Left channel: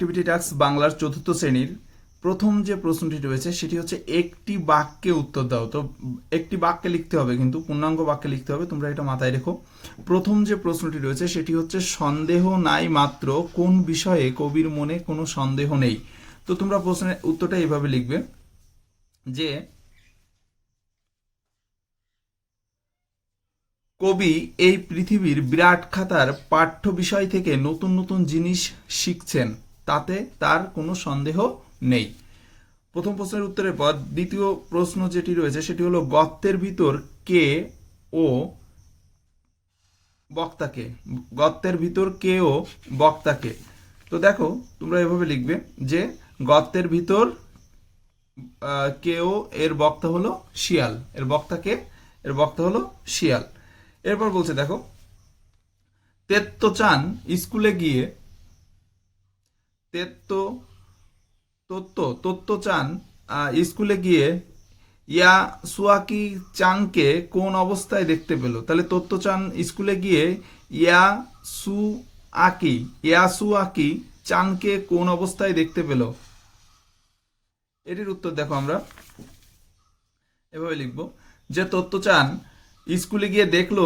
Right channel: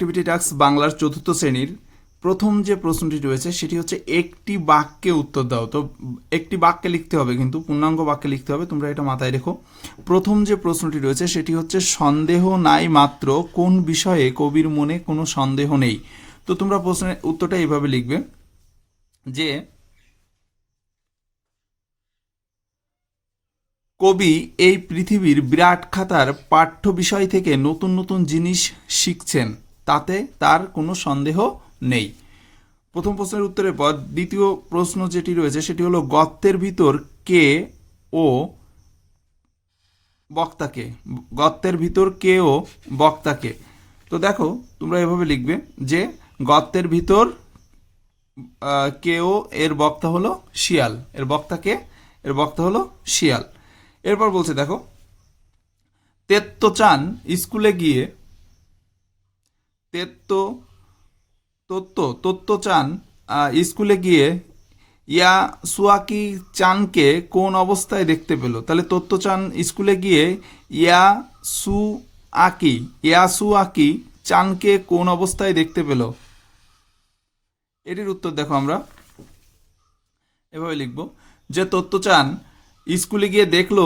Activity task বাংলার চতুর্থ শ্রেণীর প্রথম যে প্রশ্নটি রয়েছে সেটি হচ্ছে একটি বাক্যে উত্তর দাও। তো একটি বাক্যে লিখতে হবে, কিন্তু পূর্ণাঙ্গ বাক্যে লিখতে হবে, তোমরা এটা মাথায় রেখো। প্রথম যে প্রশ্নটি রয়েছে সেটি হচ্ছে সন্দেহ নাই মাত্র কোন বিষয়ে কবির মনে কোনো সন্দেহ নেই। তো তোমরা প্রশ্নের উত্তরটা এইভাবে লিখবে যে কবি এই পৃথিবীর বিরাট খাতার পাঠ্য বিষয় থেকে নতুন নতুন জিনিস শিখছেন, তাতে তার কোনো সন্দেহ নেই। প্রথম প্রশ্নের উত্তরের পর দ্বিতীয় প্রশ্ন যেটি রয়েছে সেটি হলো গর্তের ভিতর কে ও বক্তাকে। গর্তের ভিতর কে ও বক্তাকে। তো দেখো তোমরা এভাবে লিখবে যে গর্তের ভিতর কেও, এর বক্তা হলো শিয়াল, এর বক্তাকে, এর বক্তা হলো শিয়াল। এরপর বলছে দেখো তেত্তচান স্কুলে গিয়ে তত্ত্বচান স্কুলে গিয়ে ইয়াসুয়াকি চানকে কোন অবস্থায় দেখতে পেল। তাহলে তত্ত্বচান স্কুলে গিয়ে ইয়াসুয়াকি চানকে কোন অবস্থায় দেখতে পেল। এটির উত্তর দেখো আমরা এভাবে লিখব যে তত্ত্বচান স্কুলে গিয়ে দেখলো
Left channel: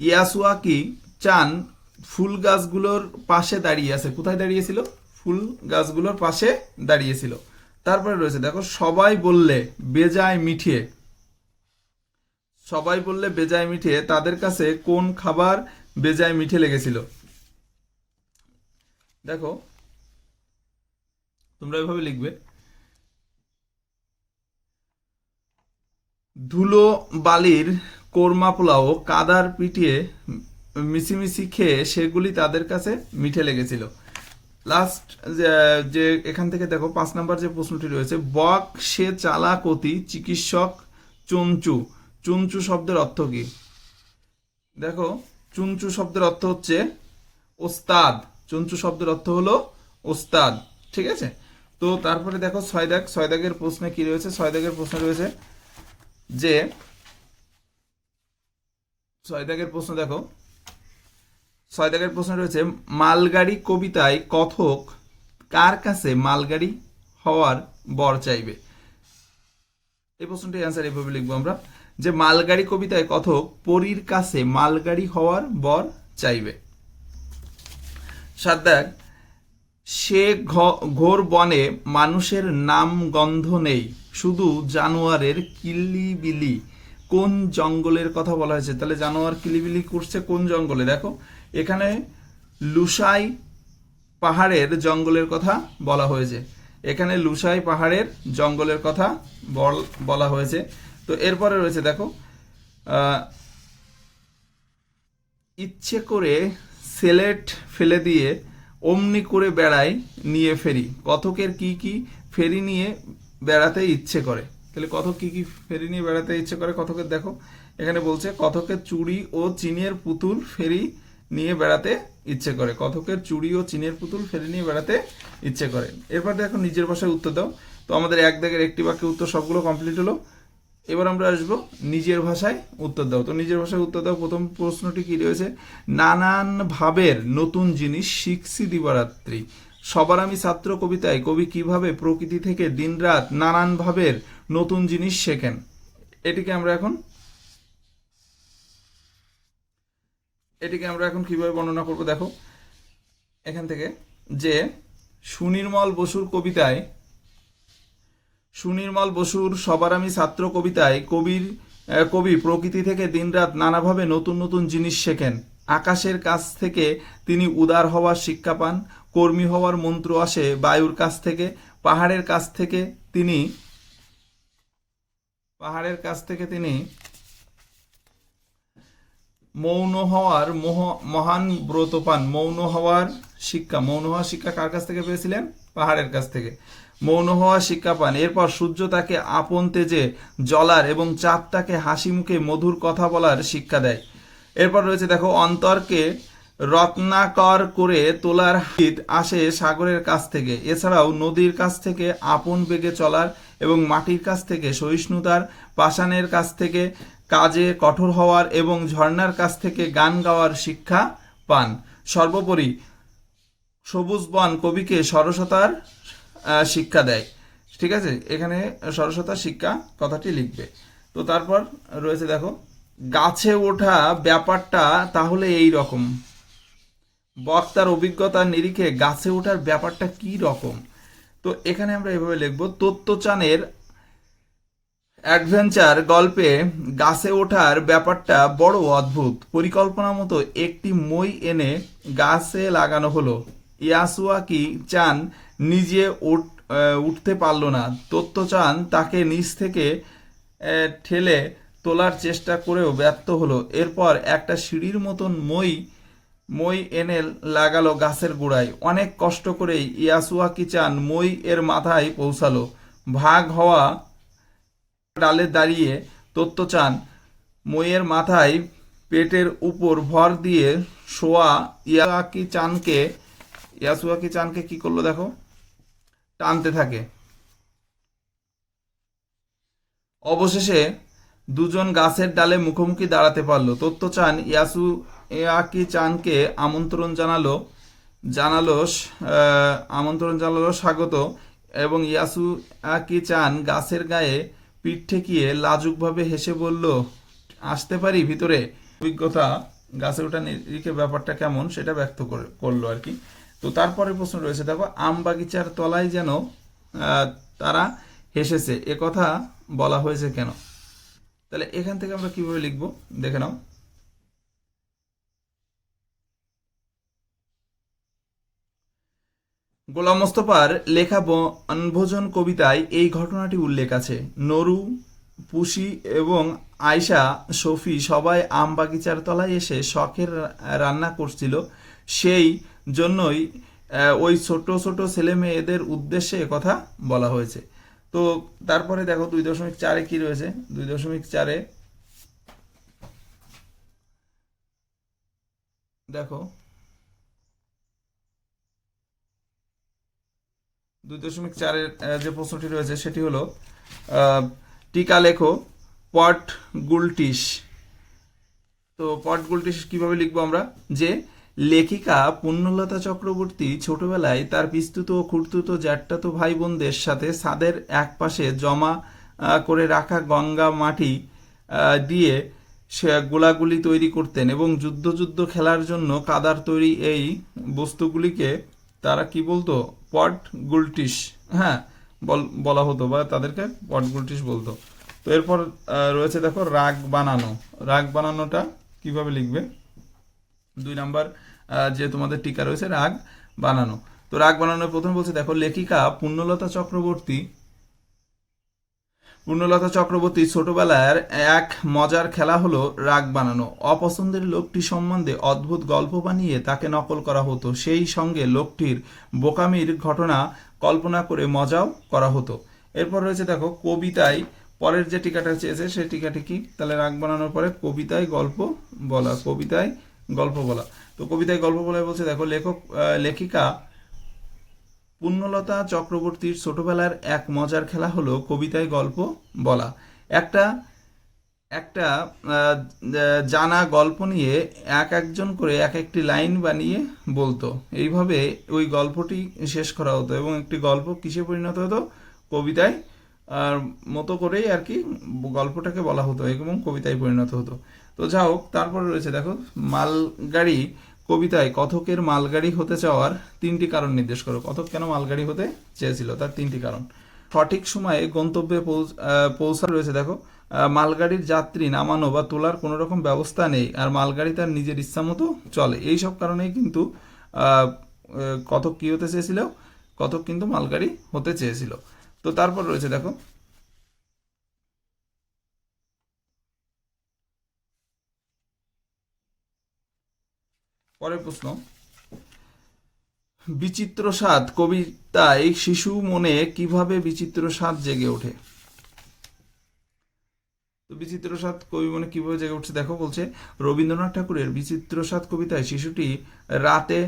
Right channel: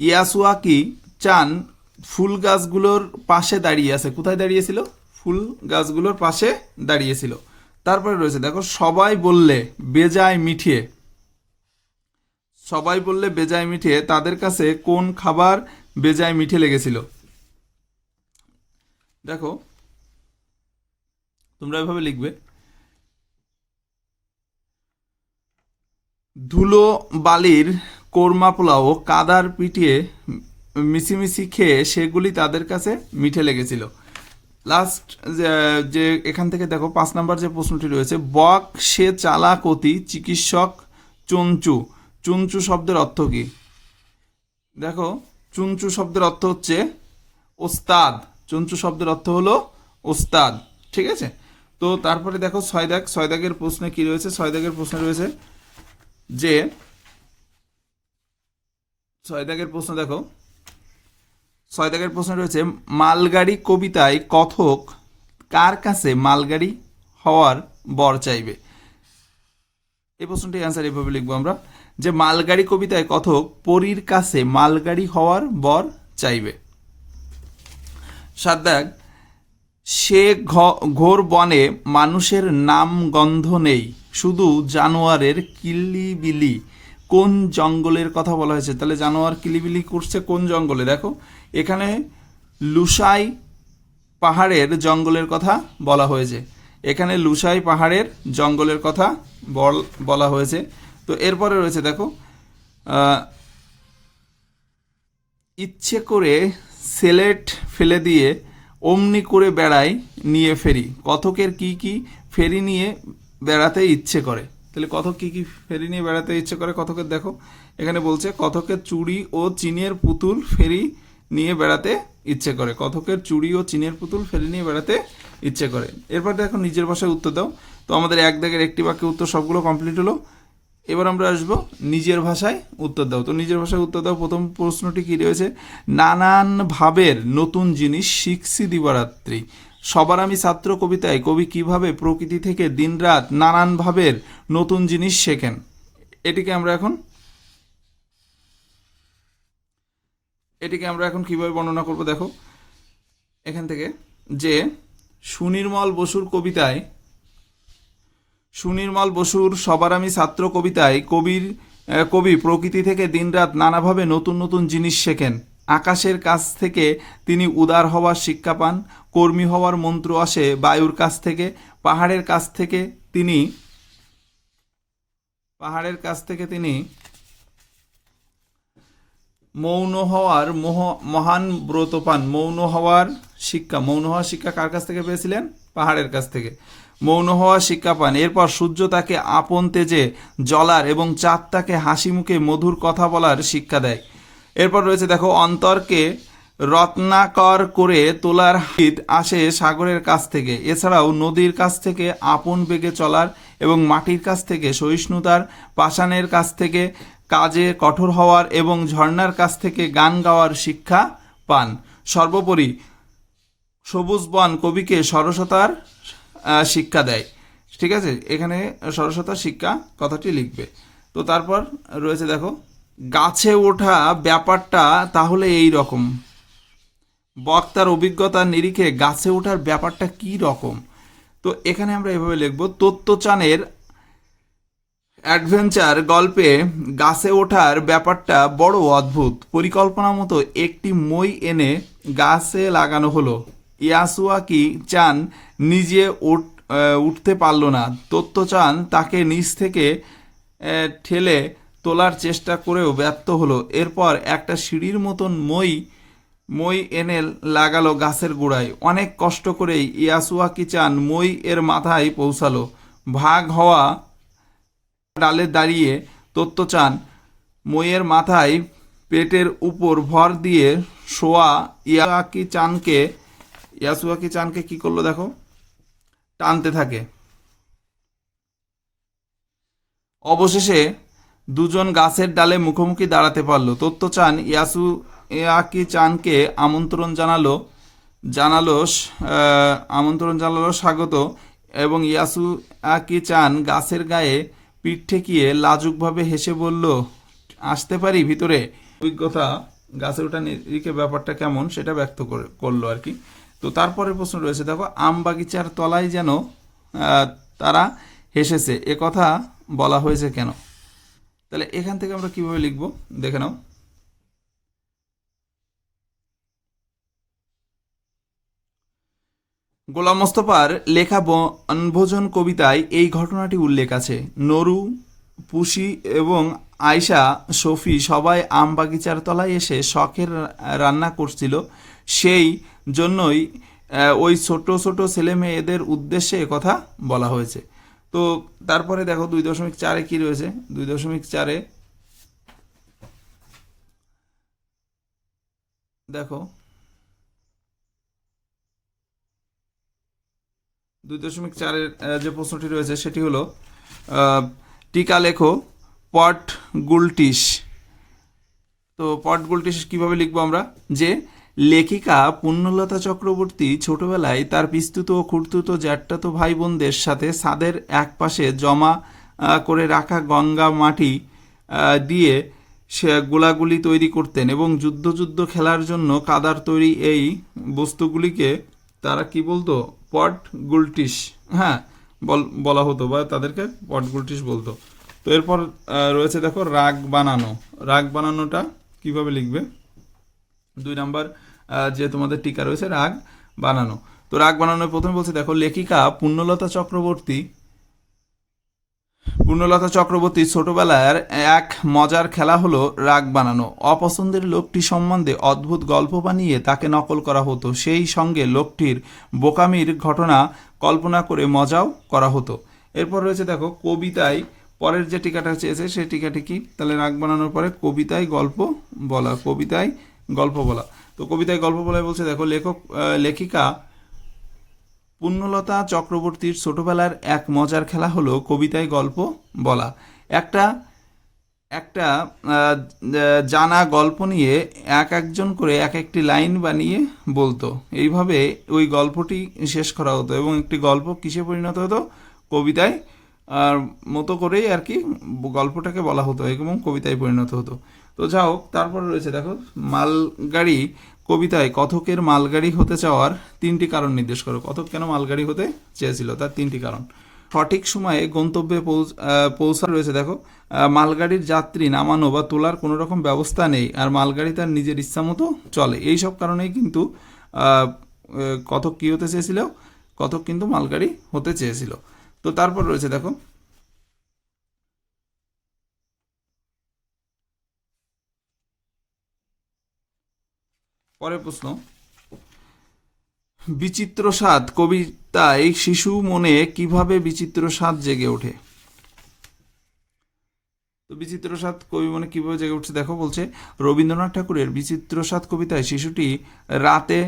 ইয়াসুয়াকি চান ফুল গাছগুলোর পাশে দাঁড়িয়ে আছে। কোথায় দাঁড়িয়েছিল? ফুল গাছগুলোর পাশে দাঁড়িয়েছিল। তারপরে রয়েছে দেখো সবাই বললে বেজায় মিঠিয়ে। সবাই বললে বেজায় মিঠিয়ে, তাদের কাছে কোন খাবার বেজায় মিঠে লেগেছিল। দেখো তোমরা এভাবে লিখবে ধুলো বালির কোরমা পোলাও কাদার পিটিয়ে মিছিমিছি খেয়ে সেগুলি তাদের কাছে মিঠে লেগেছিল। লাস্ট যে এখান থেকে দেখো 5 নম্বর যে প্রশ্নটি রয়েছে বক সে চালাকতি চিকিৎসক চুনচু। চুনচু শব্দের অর্থ কি? দেখো চুনচু শব্দের অর্থ হচ্ছে ওস্তাদ। চুনচু শব্দের অর্থ হলো ওস্তাদ, ঠিক আছে। তো তারপরে দেখো ছয় দাগের প্রশ্নে কি রয়েছে? 6 দাগের প্রশ্ন রয়েছে যে 6 দাগের প্রশ্ন দেখো 6 দাগের প্রশ্ন রয়েছে মালগাড়ি কবিতায় কথক কার কাছে মালগাড়ি হওয়ার বর চাইবে। এই প্রশ্নটি অ্যান্সার এভাবে লিখবো আমরা যে মালগাড়ি কবিতায় কথক পরীর কাছে মালগাড়ি হওয়ার বর চাইবে। 7 দাগ সে ঘোর বনে মানুষের নাম গন্ধ নেই, শুধু জানোয়ারের কিলিবিলি। কোন জঙ্গলের কথা বলা হয়েছে? তাহলে জানোয়ার কিলিবিলি করছে কোন জঙ্গলে? দেখো এখানে লুসাই পাহাড়ের জঙ্গলের কথা বলা হয়েছে। এখানে লুসাই পাহাড়ের জঙ্গলের কথা বলা হয়েছে। তো এরপরে রয়েছে দেখো ইচ্ছে করে সেলেট ফেলে দিয়ে অমনি করে বেড়ায় নিয়ে ফেরি। কথকের কি কি ফেরি নিয়ে বেড়াতে ইচ্ছে করে? তাহলে কথক কি কি ফেরি নিয়ে বেড়াতে ইচ্ছে করে কথকের? দেখো এখানে বলছে কথকের চুড়ি ও চিনের পুতুল ফেরি নিয়ে বেড়াতে ইচ্ছে করে। কথকের চুড়ি ও চিনের পুতুল ফেরি নিয়ে বেড়াতে ইচ্ছে করে। এরপর দেখো নিজের ভাষায় উত্তর দাও। তো আমাদের 1 দাগের একটি বাক্যে উত্তর সবগুলো কমপ্লিট হলো। এবার আমরা আসবো নিজের ভাষায় উত্তর দাও। তো নিজের ভাষায় উত্তর দাও। প্রথম প্রশ্নটি কি রয়েছে? নানান ভাবের নতুন জিনিস শিখছি দিবারাত্রি। সবার আমি ছাত্র কবিতায় কবি কিভাবে প্রকৃতি থেকে দিনরাত নানান ভাবের নতুন জিনিস শেখেন। এটিকে আমরা এখন কিভাবে বর্ণনা করব? দেখো এখান থেকে যে সুনির্মল বসুর সবার আমি ছাত্র কবিতায় কবি প্রকৃতি থেকে দিনরাত নানাভাবে নতুন নতুন জিনিস শেখেন। আকাশের কাছ থেকে তিনি উদার হওয়ার শিক্ষা পান, কর্মী হওয়ার মন্ত্র আসে বায়ুর কাছ থেকে, পাহাড়ের কাছ থেকে তিনি মৌন হওয়ার মহান ব্রত পান। মৌন হওয়ার শিক্ষা কার কাছ থেকে পেয়েছিলেন? পাহাড়ের কাছ থেকে মৌন হওয়ার শিক্ষা পান। এরপর সূর্য তাকে আপন তেজে জ্বলার এবং চাঁদ তাকে হাসি মুখে মধুর কথা বলার শিক্ষা দেয়। এরপর রয়েছে দেখো অন্তরকে রত্নাকর করে তোলার হিত আসে সাগরের কাছ থেকে। এছাড়াও নদীর কাছ থেকে আপন বেগে চলার এবং মাটির কাছ থেকে সহিষ্ণুতার, পাষাণের কাছ থেকে কাজে কঠোর হওয়ার এবং ঝর্ণার কাছ থেকে গান গাওয়ার শিক্ষা পান। সর্বোপরি সবুজ বন কবিকে সরসতার শিক্ষা দেয়। ঠিক আছে, এখানে সরসতার শিক্ষা কথাটি লিখবে। তো তারপর রয়েছে দেখো, গাছে ওঠা ব্যাপারটা তাহলে এই রকম। বক্তার অভিজ্ঞতার নিরিখে গাছে ওঠার ব্যাপারটা কি রকম। তো এখানে আমরা এভাবে লিখবো, তত্ত্বচানের অ্যাডভেঞ্চার গল্পে গাছে ওঠার ব্যাপারটা বড় অদ্ভুত। পরিকল্পনা মতো একটি মই এনে গাছে লাগানো হলো। ইয়াসুয়াকি চান নিজে উঠতে পারল না। তত্ত্বচান তাকে নিচ থেকে ঠেলে তোলার চেষ্টা করেও ব্যর্থ হলো। এরপর একটা সিঁড়ির মতন মই এনে লাগালো গাছের গোড়ায়। অনেক কষ্ট করেই ইয়াসুয়াকি চান মই এর মাথায় পৌঁছালো। ভাগ হওয়া ডালে দাঁড়িয়ে তত্ত্বচান মইয়ের মাথায় পেটের উপর ভর দিয়ে শোয়া ইয়াসুয়াকি চানকে কি করলো দেখো, টানতে থাকে। অবশেষে দুজন গাছের ডালে মুখোমুখি দাঁড়াতে পারলো। তত্ত্বচান ইয়াসুয়াকি চানকে আমন্ত্রণ জানালো স্বাগত, এবং ইয়াসুয়াকি চান গাছের গায়ে পিঠ ঠেকিয়ে লাজুকভাবে হেসে বলল, আসতে পারি ভিতরে। অভিজ্ঞতা গাছে ওঠা নিরিখে ব্যাপারটা কেমন সেটা ব্যক্ত করলো আর কি। তো তারপরের প্রশ্ন রয়েছে দেখো, আম বাগিচার তলায় যেন তারা হেসেছে, এ কথা বলা হয়েছে কেন। তাহলে এখান থেকে আমরা কিভাবে লিখবো দেখে নাও। গোলাম মোস্তফার লেখা বনভোজন কবিতায় এই ঘটনাটি উল্লেখ আছে। নরু, পুষি এবং আয়শা, শফি সবাই আম বাগিচার তলায় এসে শখের রান্না করছিল। সেই জন্যই ওই ছোট ছোট ছেলে মেয়েদের উদ্দেশ্যে কথা বলা হয়েছে। তো তারপরে দেখো 2.4 কি রয়েছে। 2.4 দেখো, 2.4 যে প্রশ্নটি রয়েছে সেটি হলো, টিকা লেখো পট গুলটিস। তো পট গুলটিস কিভাবে লিখবো আমরা, যে লেখিকা পুণ্যলতা চক্রবর্তী ছোটবেলায় তার পিস্তুত ও খুড়তুতো জ্যাঠাতো ভাই বোনদের সাথে ছাদের এক পাশে জমা করে রাখা গঙ্গা মাটি দিয়ে সে গোলাগুলি তৈরি করতেন, এবং যুদ্ধ খেলার জন্য কাদার তৈরি এই বস্তুগুলিকে তারা কি বলতো, পট গুলটিস, হ্যাঁ বলা হতো, বা তাদেরকে পট গুলটিস বলতো। তো এরপর রয়েছে দেখো রাগ বানানো। রাগ বানানোটা কিভাবে লিখবে, 2 নাম্বার যে তোমাদের টিকা রয়েছে রাগ বানানো। তো রাগ বানানো প্রথমে বলছে দেখো, লেখিকা পুণ্যলতা চক্রবর্তী ছোটবেলার এক মজার খেলা হলো রাগ বানানো। অপছন্দের লোকটি সম্বন্ধে অদ্ভুত গল্প বানিয়ে তাকে নকল করা হতো, সেই সঙ্গে লোকটির বোকামির ঘটনা কল্পনা করে মজাও করা হতো। এরপর রয়েছে দেখো কবিতায়, পরের যে টিকাটা চেয়েছে সেই টিকাটি কি, তাহলে রাগ বানানোর পরে কবিতায় গল্প বলা। তো কবিতায় গল্প বলায় বলছে দেখো, লেখিকা পুণ্যলতা চক্রবর্তীর ছোটবেলার এক মজার খেলা হলো কবিতায় গল্প বলা। একটা একটা জানা গল্প নিয়ে একজন করে একটি লাইন বানিয়ে বলতো। এইভাবে ওই গল্পটি শেষ করা হতো, এবং একটি গল্প কিসে পরিণত হতো, কবিতায় মতো করেই আর কি গল্পটাকে বলা হতো এবং কবিতায় পরিণত হতো। তো যাই হোক, তারপরে রয়েছে দেখো, মালগাড়ি কবিতায় কথকের মালগাড়ি হতে চাওয়ার 3টি কারণ নির্দেশ করো। কথক কেন মালগাড়ি হতে চেয়েছিল তার 3টি কারণ। সঠিক সময়ে গন্তব্যে পৌঁছা রয়েছে দেখো, মালগাড়ির যাত্রী নামানো বা তোলার কোনো রকম ব্যবস্থা নেই, আর মালগাড়ি তার নিজের ইচ্ছা মতো চলে। এই সব কারণেই কিন্তু কথক কি হতে চেয়েছিল, কথক কিন্তু মালগাড়ি হতে চেয়েছিল। তো তারপর রয়েছে দেখো, পরের প্রশ্ন, বিচিত্র স্বাদ কবিতায় শিশু মনে কিভাবে বিচিত্র স্বাদ জেগে ওঠে। তো বিচিত্র স্বাদ কবি মনে কিভাবে জেগে উঠছে দেখো, বলছে রবীন্দ্রনাথ ঠাকুরের বিচিত্র স্বাদ কবিতায় শিশুটি রাতে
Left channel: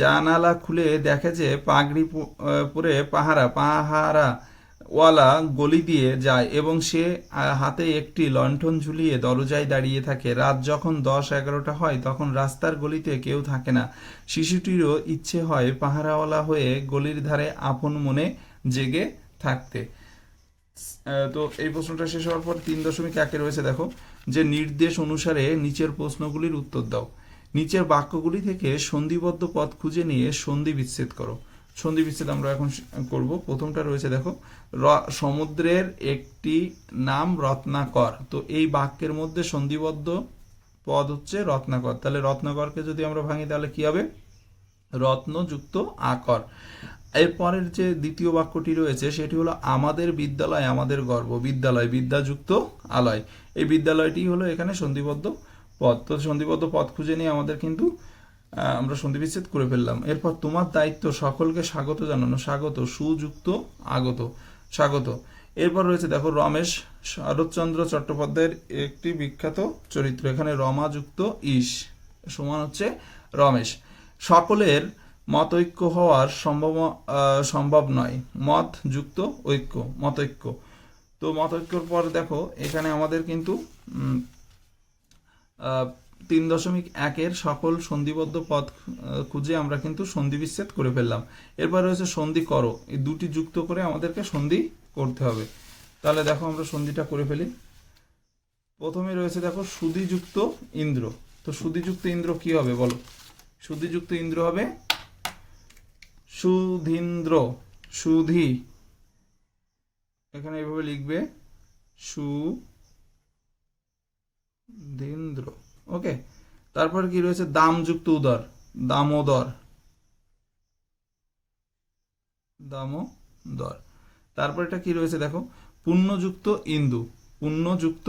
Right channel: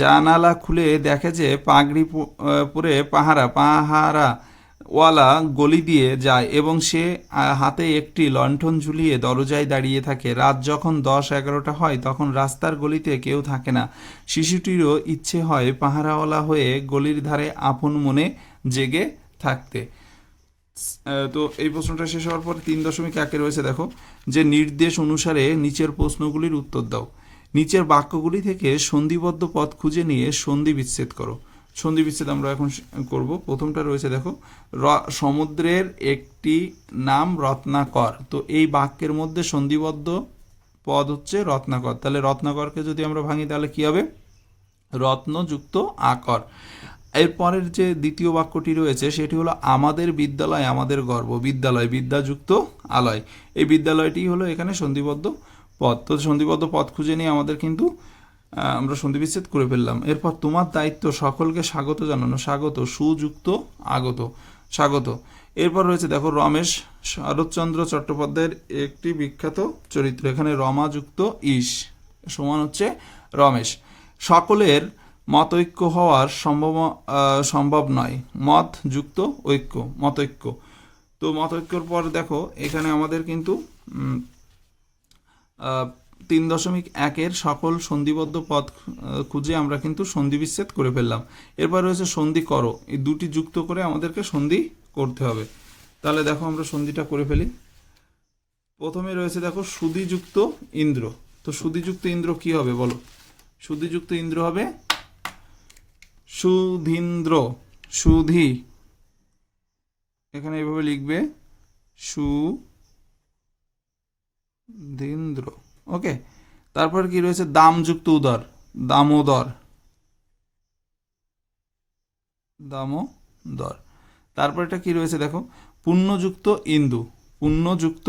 জানালা খুলে দেখে যে পাগড়ি পরে পাহারা ওয়ালা গলি দিয়ে যায় এবং সে হাতে একটি লণ্ঠন ঝুলিয়ে দরজায় দাঁড়িয়ে থাকে। রাত যখন 10-11টা হয় তখন রাস্তার গলিতে কেউ থাকে না। শিশুটিরও ইচ্ছে হয় পাহারাওয়ালা হয়ে গলির ধারে আপন মনে জেগে থাকতে। তো এই প্রশ্নটা শেষ হওয়ার পর 3.1 রয়েছে দেখো, যে নির্দেশ অনুসারে নিচের প্রশ্নগুলির উত্তর দাও। নিচের বাক্যগুলি থেকে সন্ধিবদ্ধ পদ খুঁজে নিয়ে সন্ধি বিচ্ছেদ করো। সন্ধি বিচ্ছেদ আমরা এখন করব। প্রথমটা রয়েছে দেখো, সমুদ্রের একটি নাম রত্নাকর। তো এই বাক্যের মধ্যে সন্ধিবদ্ধ পদ হচ্ছে রত্নাকর। তাহলে রত্নাকরকে যদি আমরা ভাঙি তাহলে কি হবে? রত্নযুক্ত আকর। এরপরের যে দ্বিতীয় বাক্যটি রয়েছে সেটি হলো আমাদের বিদ্যালয় আমাদের গর্ব। বিদ্যালয় বিদ্যাযুক্ত আলয়, এই বিদ্যালয়টি হলো এখানে সন্ধিবদ্ধ পদ। তো সন্ধিবদ্ধ পদ খুঁজে নিয়ে আমাদের কিন্তু আমরা সন্ধি বিচ্ছেদ করে ফেললাম। এরপর তোমার দায়িত্ব সকলকে স্বাগত জানানো। স্বাগত সুযুক্ত আগত, স্বাগত। এরপর রয়েছে দেখো রমেশ শরৎচন্দ্র চট্টোপাধ্যায়ের একটি বিখ্যাত চরিত্র। এখানে রমা যুক্ত ইস সমান হচ্ছে রমেশ। সকলের মতৈক্য হওয়ার সম্ভব নয়। মত যুক্ত ঐক্য, মতৈক্য। তো মতৈক্যর পর দেখো এখানে আমাদের কিন্তু 3.1 সকল সন্ধিবদ্ধ পদ খুঁজে আমরা কিন্তু সন্ধি বিচ্ছেদ করে ফেললাম। এরপর রয়েছে সন্ধি করো। এই দুটি যুক্ত করে আমাদেরকে সন্ধি করতে হবে। তাহলে দেখো আমরা সন্ধিটা করে ফেলি। প্রথমে রয়েছে দেখো সুধিযুক্ত ইন্দ্র। তো সুধিযুক্ত ইন্দ্র কি হবে বলো? সুধিযুক্ত ইন্দ্র হবে সুধীন্দ্র। সুধি এখানে এভাবে লিখবে সুধীন্দ্র। ওকে, তারপর কি রয়েছে দামযুক্ত উদর। দামোদর, দামোদর। তারপর এটা কি রয়েছে দেখো পুণ্যযুক্ত ইন্দু। পুণ্যযুক্ত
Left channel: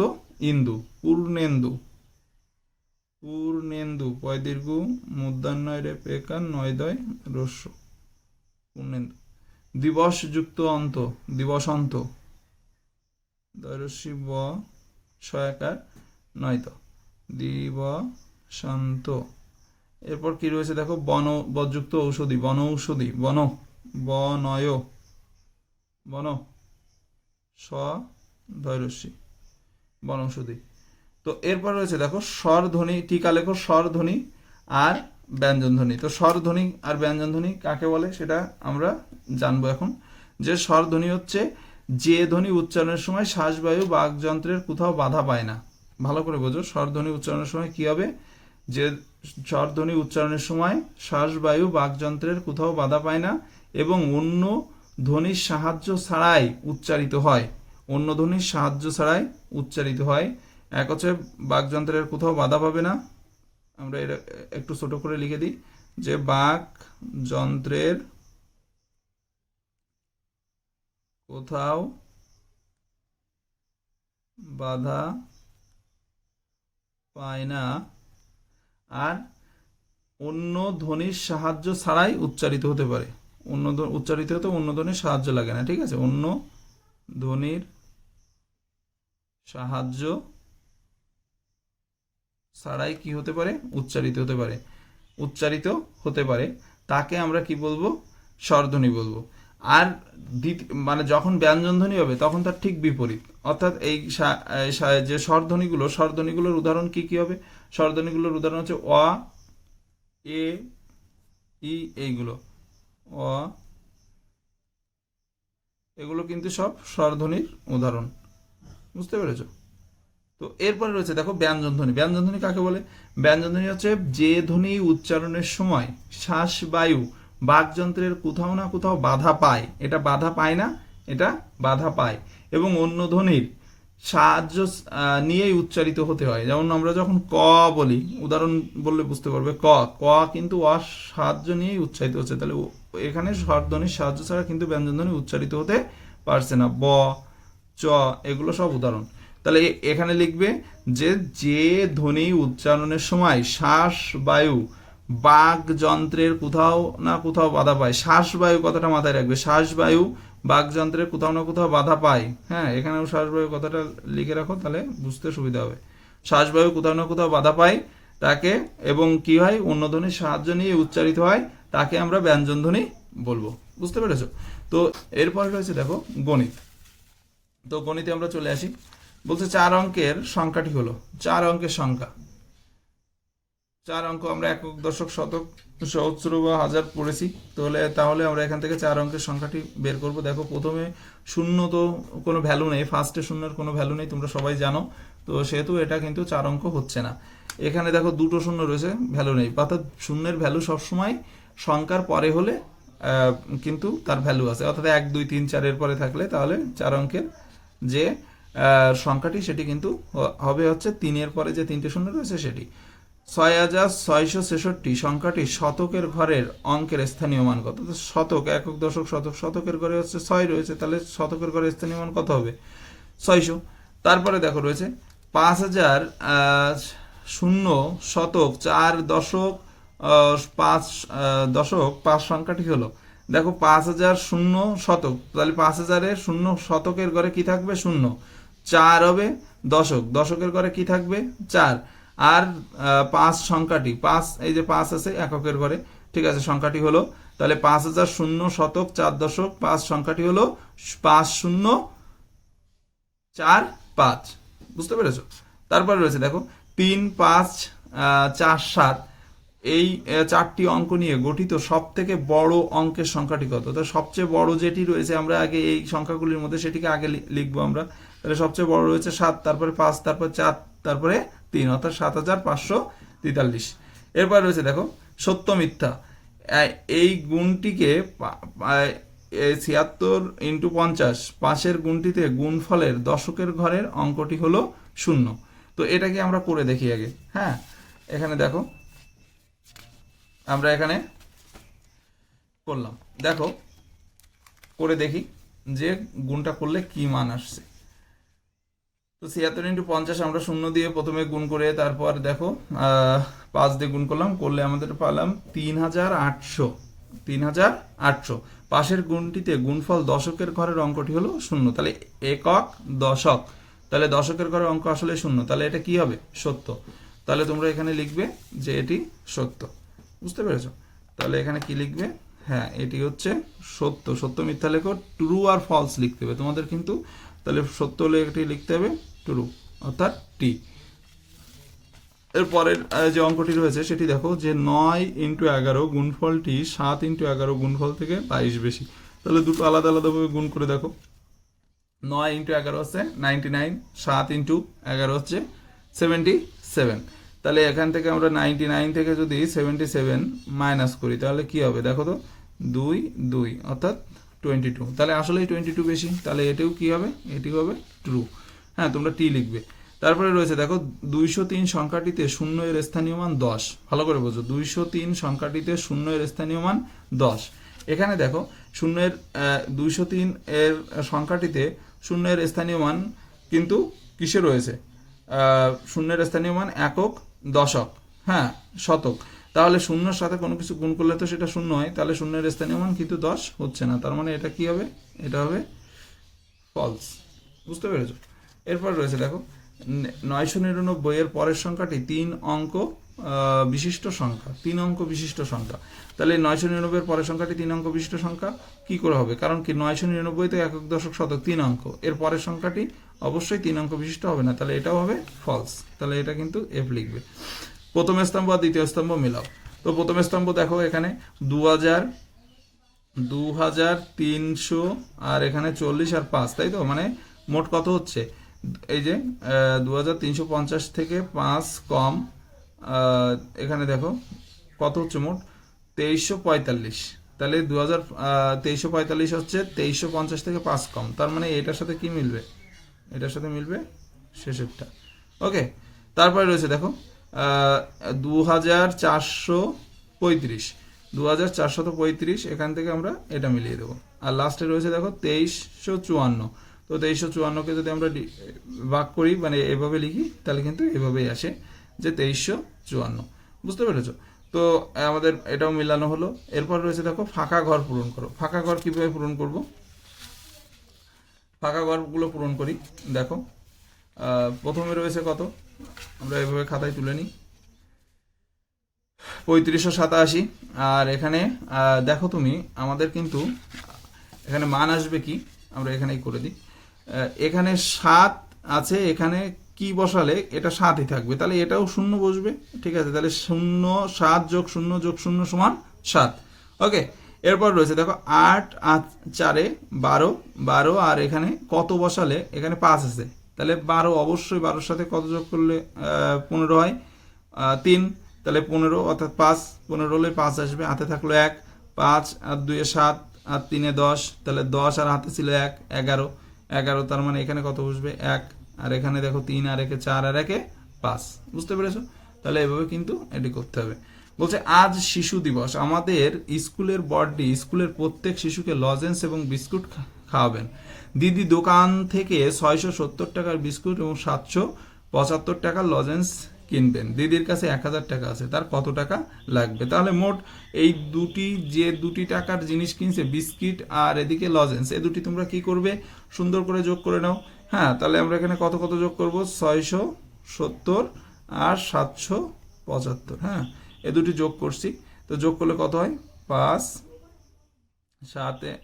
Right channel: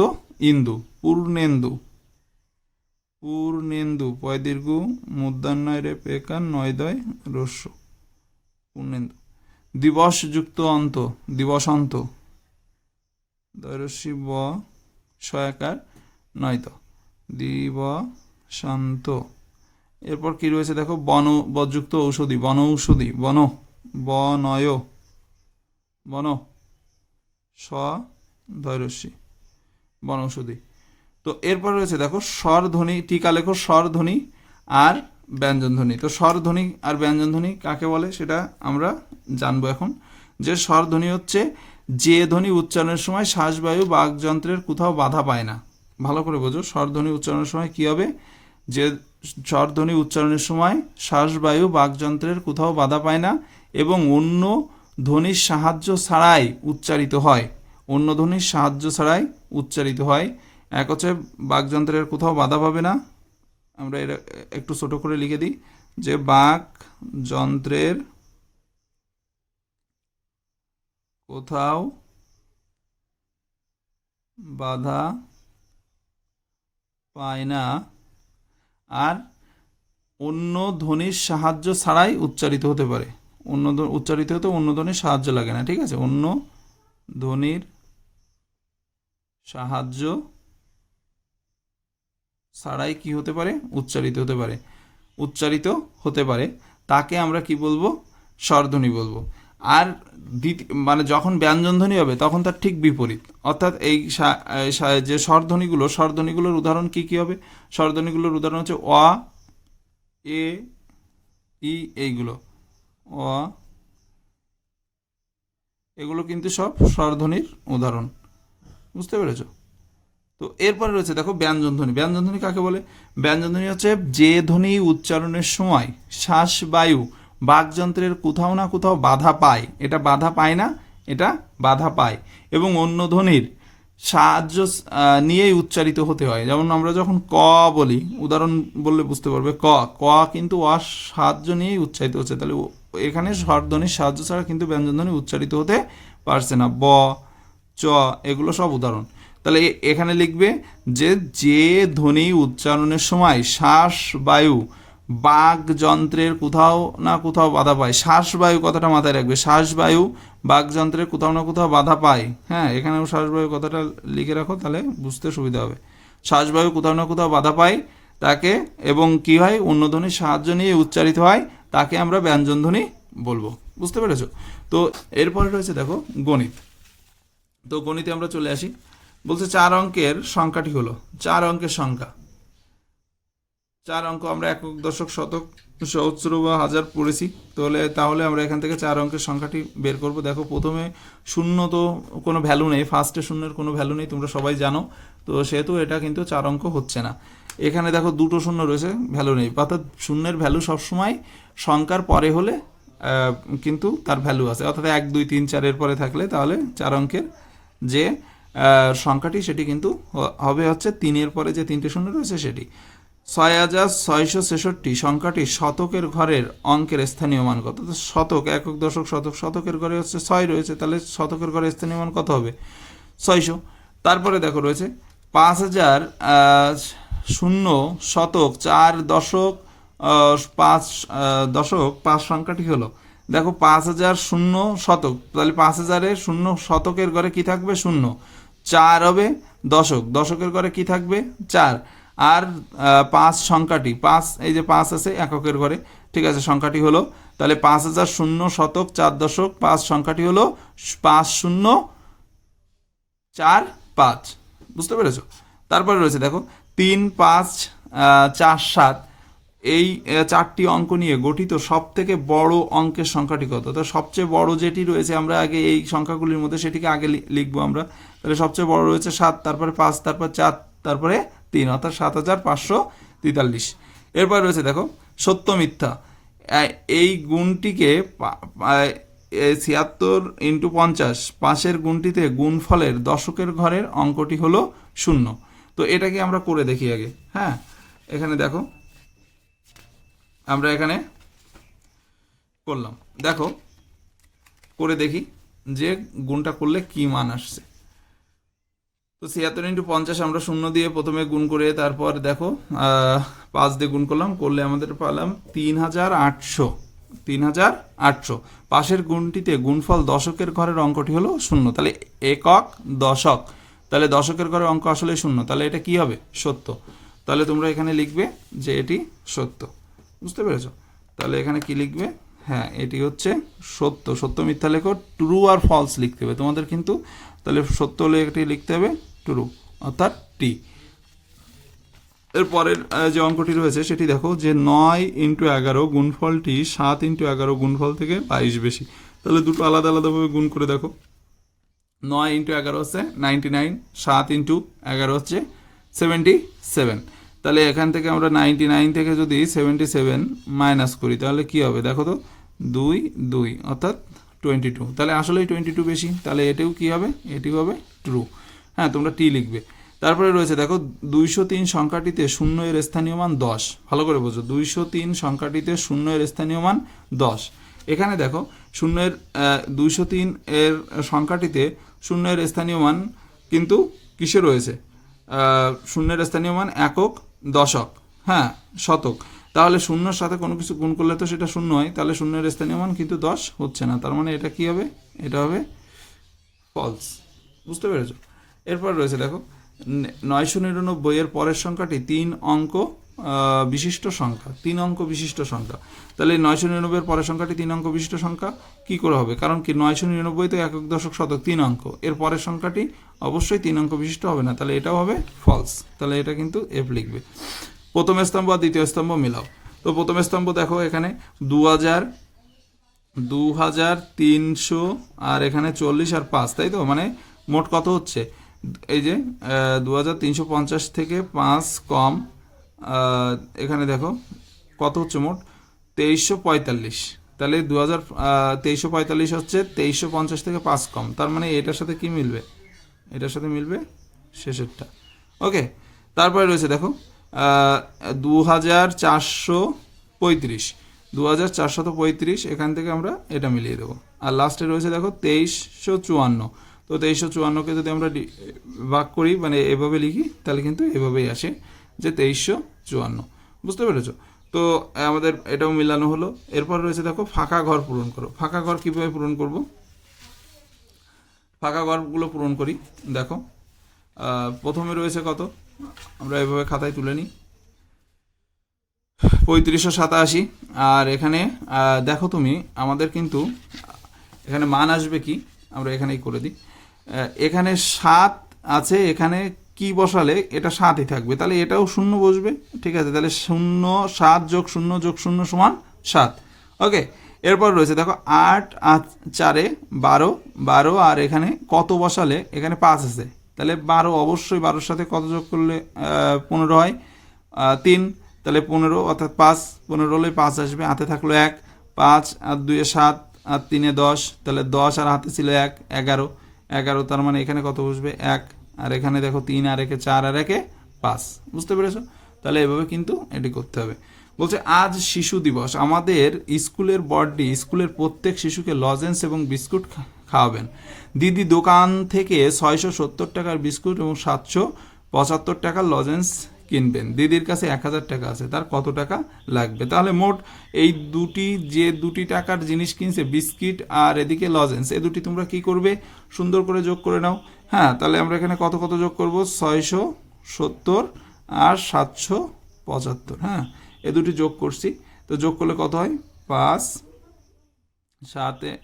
ইন্দু। পূর্ণেন্দু। পূর্ণেন্দু পয় দীর্ঘ মূর্ধন্যয় রে পেকার নয় দয় রস্য। পূর্ণেন্দু। দিবসযুক্ত অন্ত। দিবসান্ত। দয়রস্যি ব সয়াকার নয় তো দিবসান্ত। এরপর কি রয়েছে দেখো বন বযুক্ত ঔষধি। বন ঔষধি। বন বনয় বন স দয়রস্যি বনৌষধি। তো এরপর রয়েছে দেখো স্বরধ্বনি। টিকা লেখো স্বরধ্বনি আর ব্যঞ্জনধ্বনি। তো স্বরধ্বনি আর ব্যঞ্জনধ্বনি কাকে বলে সেটা আমরা জানবো এখন। যে স্বরধ্বনি হচ্ছে যে ধ্বনি উচ্চারণের সময় শ্বাসবায়ু বাকযন্ত্রের কোথাও বাধা পায় না। ভালো করে বোঝো, স্বরধ্বনি উচ্চারণের সময় কি হবে? যে স্বরধ্বনি উচ্চারণের সময় শ্বাসবায়ু বাকযন্ত্রের কোথাও বাধা পায় না এবং অন্য ধ্বনির সাহায্য ছাড়াই উচ্চারিত হয়। অন্য ধ্বনির সাহায্য ছাড়াই উচ্চারিত হয়। এক হচ্ছে বাকযন্ত্রের কোথাও বাধা পাবে না। আমরা এটা একটু ছোট করে লিখে দিই যে বাকযন্ত্রের কোথাও বাধা পায় না আর অন্য ধ্বনির সাহায্য ছাড়াই উচ্চারিত হতে পারে। অন্য উচ্চারিত হতে অন্য ধ্বনির সাহায্য লাগে না। ঠিক আছে, অন্য ধ্বনির সাহায্য ছাড়াই কি হতে পারে? উচ্চারিত হতে পারে। উচ্চারিত হতে পারে তাকে আমরা কি বলবো? স্বরধ্বনি বলবো। আর মানে যখন ব্যঞ্জনধ্বনি হবে তখন তার ঠিক বিপরীত। অর্থাৎ এই যে স্বরধ্বনিগুলোর উদাহরণ কি কি হবে? স্বরধ্বনিগুলোর উদাহরণ হচ্ছে অ, এ, ই, এইগুলো। অ, এগুলো কিন্তু সব স্বরধ্বনির উদাহরণ। বুঝতে পেরেছো? তো এরপর রয়েছে দেখো ব্যঞ্জনধ্বনি। ব্যঞ্জনধ্বনি কাকে বলে? ব্যঞ্জনধ্বনি হচ্ছে যে ধ্বনি উচ্চারণের সময় শ্বাসবায়ু বাকযন্ত্রের কোথাও না কোথাও বাধা পায়। এটা বাধা পায় না, এটা বাধা পায় এবং অন্য ধ্বনির সাহায্য নিয়েই উচ্চারিত হতে হয়। যেমন আমরা যখন ক বলি, উদাহরণ বললে বুঝতে পারবে, ক ক কিন্তু সাহায্য নিয়েই উচ্চারিত হচ্ছে। তাহলে এখানে স্বরধ্বনির সাহায্য ছাড়া কিন্তু ব্যঞ্জনধ্বনি উচ্চারিত হতে পারছে না। ব, চ, এগুলো সব উদাহরণ। তাহলে এখানে লিখবে যে যে ধ্বনি উচ্চারণের সময় শ্বাসবায়ু বাকযন্ত্রের কোথাও না কোথাও বাধা পায়। শ্বাসবায়ু কথাটা মাথায় রাখবে। শ্বাসবায়ু বাকযন্ত্রের কোথাও না কোথাও বাধা পায়। হ্যাঁ, এখানেও শ্বাসবায়ু কথাটা লিখে রাখো, তাহলে বুঝতে সুবিধা হবে। শ্বাসবায়ু কোথাও না কোথাও বাধা পায় তাকে এবং কি হয়? অন্য ধ্বনির সাহায্য নিয়ে উচ্চারিত হয়, তাকে আমরা ব্যঞ্জনধ্বনি বলবো। বুঝতে পেরেছো? তো এরপরে রয়েছে দেখো গণিত। তো গণিতে আমরা চলে আসি। বলছে 4 অঙ্কের সংখ্যাটি হলো, 4 অঙ্কের সংখ্যা, 4 অঙ্ক আমরা একক, দশক, শতক, সহস্র বা হাজার পড়েছি। তাহলে আমরা এখান থেকে 4 অঙ্কের সংখ্যাটি বের করব। দেখো প্রথমে শূন্য তো কোনো ভ্যালু নেই, ফার্স্টে শূন্যের কোনো ভ্যালু নেই, তোমরা সবাই জানো। তো সেহেতু এটা কিন্তু 4 অঙ্ক হচ্ছে না। এখানে দেখো দুটো শূন্য রয়েছে, ভ্যালু নেই, অর্থাৎ শূন্যের ভ্যালু সবসময় সংখ্যার পরে হলে কিন্তু তার ভ্যালু আছে, অর্থাৎ 1 2 3 4 এর পরে থাকলে তাহলে 4 অঙ্কের যে সংখ্যাটি সেটি কিন্তু হবে হচ্ছে 3 এর পরে যে 3টে শূন্য রয়েছে সেটি। 6666 সংখ্যাটি শতকের ঘরের অঙ্কের স্থানীয় মান কত? তো শতক, একক, দশক, শতক, শতকের ঘরে হচ্ছে 6 রয়েছে, তাহলে শতকের ঘরে স্থানীয় মান কত হবে? 600। তারপরে দেখো রয়েছে 5000 শূন্য শতক 4 দশক 5 দশক 5 সংখ্যাটি হলো, দেখো 5000 শূন্য শতক, তাহলে 5000-এর শূন্য শতকের ঘরে কি থাকবে? শূন্য। 4 হবে দশক, দশকের ঘরে কি থাকবে? 4। আর 5 সংখ্যাটি, 5, এই যে 5 আছে এককের ঘরে, ঠিক আছে, সংখ্যাটি হলো, তাহলে 5000 শূন্য শতক 4 দশক 5 সংখ্যাটি হলো 5045। বুঝতে পেরেছো? তারপরে রয়েছে দেখো 3 5 4 7, এই 4টি অঙ্ক নিয়ে গঠিত সব থেকে বড় অঙ্কের সংখ্যাটি কত? তো সবচেয়ে বড় যেটি রয়েছে আমরা আগে এই সংখ্যাগুলির মধ্যে সেটিকে আগে লিখবো আমরা। তাহলে সবচেয়ে বড় রয়েছে 7, তারপরে 5, তারপর 4, তারপরে 3, অর্থাৎ 7543। এরপর রয়েছে দেখো সত্য মিথ্যা, এই গুণটিকে 76 × 50, 5-এর গুণটিতে গুণফলের দশকের ঘরের অঙ্কটি হলো 0। তো এটাকে আমরা করে দেখি আগে। হ্যাঁ, এখানে দেখো আমরা এখানে করলাম, দেখো করে দেখি যে গুণটা করলে কি মান আসছে। তো 76 × 50 আমরা 0 দিয়ে প্রথমে গুণ করে তারপর দেখো 5 দিয়ে গুণ করলে আমাদের পেলাম 3800। 3800 পাশের গুণটিতে গুণফল দশকের ঘরের অঙ্কটি হলো 0, তাহলে একক দশক, তাহলে দশকের ঘরের অঙ্ক আসলে 0, তাহলে এটা কি হবে? সত্য। তাহলে তোমরা এখানে লিখবে যে এটি সত্য। বুঝতে পেরেছো? তাহলে এখানে কি লিখবে? হ্যাঁ, এটি হচ্ছে সত্য। সত্য মিথ্যা লেখো, ট্রু আর ফলস লিখতে হবে তোমাদের কিন্তু। তাহলে সত্য হলে এটি লিখতে হবে ট্রু, অর্থাৎ টি। এরপরের যে অঙ্কটি রয়েছে সেটি দেখো যে 9 × 11 গুণফলটি 7 × 11 গুণফল থেকে 22 বেশি। তাহলে দুটো আলাদা আলাদাভাবে গুণ করে দেখো। 9 × 11 হচ্ছে 99, 7 × 11 হচ্ছে 77। তাহলে এখান থেকে আমরা 99 থেকে যদি 77 মাইনাস করি তাহলে কি হবে? দেখো তো 2 2, অর্থাৎ 22। তাহলে আসলেই 22 বেশি, তাহলে এটাও কি হবে? এটিও হবে ট্রু। হ্যাঁ, তোমরা টি লিখবে। তারপরে রয়েছে দেখো 203 সংখ্যাটিতে 0 এর স্থানীয় মান 10। ভালো করে বোঝো, 203 সংখ্যাটিতে 0 এর স্থানীয় মান 10। এখানে দেখো 203 এর সংখ্যাটিতে 0 এর স্থানীয় মান কিন্তু কিসে রয়েছে? 0 এর স্থানীয় মান একক, দশক, হ্যাঁ, শতক। তাহলে 0-র সাথে কোনো কিছু গুণ করলে তো সেটা 0 হয়, তাহলে 0 এর স্থানীয় মান কিন্তু 10 হচ্ছে না, তার মানে এটা কি হবে? এটা হবে ফলস। বুঝতে পেরেছো? এরপর রয়েছে দেখো 999 এর পরের সংখ্যাটি 3 অঙ্ক বিশিষ্ট সংখ্যা, 3 অঙ্ক বিশিষ্ট সংখ্যা। তাহলে 999 এর পরের সংখ্যাটি 3 অঙ্ক বিশিষ্ট সংখ্যা কি করে হবে? কারণ কি 999 তো একক, দশক, শতক 3 অঙ্ক, এর পরের সংখ্যাটি অবশ্যই 3 অঙ্ক বিশিষ্ট হবে না, তাহলে এটাও হবে ফলস। তাহলে এটা কিন্তু এফ লিখবে। প্রথম স্তম্ভ আর দ্বিতীয় স্তম্ভ মিলাও। তো প্রথম স্তম্ভ দেখো এখানে 2000, 2300 আর এখানে 40 আর 5, তাই তো? মানে মোট কত হচ্ছে? এই যে 2350 থেকে 5 কম, এখানে দেখো কত হচ্ছে মোট? 2345। তাহলে 2345 হচ্ছে 2350 থেকে 5 কম, তার মানে এটার সাথে কি মিলবে? এটার সাথে মিলবে শেষেরটা। ওকে, তারপরে রয়েছে দেখো 2435, 2435, এখান থেকে আমরা এটা মিলিয়ে দেবো। আর লাস্টে রয়েছে দেখো 2354। তো 2354কে যদি আমরা ভাগ করি, মানে এভাবে লিখি, তাহলে কিন্তু এভাবেই আসে যে 2354। বুঝতে পেরেছো? তো আমাদের এটাও মিলানো হলো। এরপর রয়েছে দেখো ফাঁকা ঘর পূরণ করো। ফাঁকা ঘর কিভাবে পূরণ করব? ফাঁকা ঘরগুলো পূরণ করি। দেখো প্রথমে রয়েছে কত, আমরা এভাবে খাতায় তুলে নিই, 3587। আর এখানে দেখো তুমি আমাদের কিন্তু এখানে মান আসবে কি, আমরা এখানেই করে দিই। এখানে 7 আছে, এখানে কি বসালে এটা 7ই থাকবে, তাহলে এটাও 0 বসবে। ঠিক আছে, তাহলে 0 7 যোগ 0 যোগ 0 সমান 7। ওকে, এরপর রয়েছে দেখো 8 আর 4 12, 12 আর এখানে কত বসালে, এখানে 5 আছে, তাহলে 12 অবশ্যই 12-র সাথে কত যোগ করলে 15 হয়, 3, তাহলে 15 অর্থাৎ 5, 15 হলে 5 আসবে, হাতে থাকলো 1, 5 আর 2 7 আর 3 10, তাহলে 10 আর হাতে ছিল 1, 11, 11, তার মানে এখানে কত বসবে 1, আর এখানে দেখো 3 আর একে 4 আর একে 5। বুঝতে পেরেছো? তাহলে এভাবে কিন্তু এটি করতে হবে। বলছে আজ শিশু দিবস, আমাদের স্কুলের বড়দি স্কুলের প্রত্যেক শিশুকে লজেন্স এবং বিস্কুট খাওয়াবেন। দিদি দোকান থেকে 670 টাকার বিস্কুট এবং 775 টাকার লজেন্স কিনবেন। দিদির কাছে 1000 টাকা আছে, তার কত টাকা লাগবে? তাহলে মোট এই দুটি টাকার জিনিস কিনছে, বিস্কিট আর এদিকে লজেন্স, এই দুটি তোমরা কি করবে, সুন্দর করে যোগ করে নাও। হ্যাঁ, তাহলে আমরা এখানে কত কত যোগ করব, 670 আর 775। হ্যাঁ, এ দুটি যোগ করছি, তো যোগ করলে কত হয়, 5 7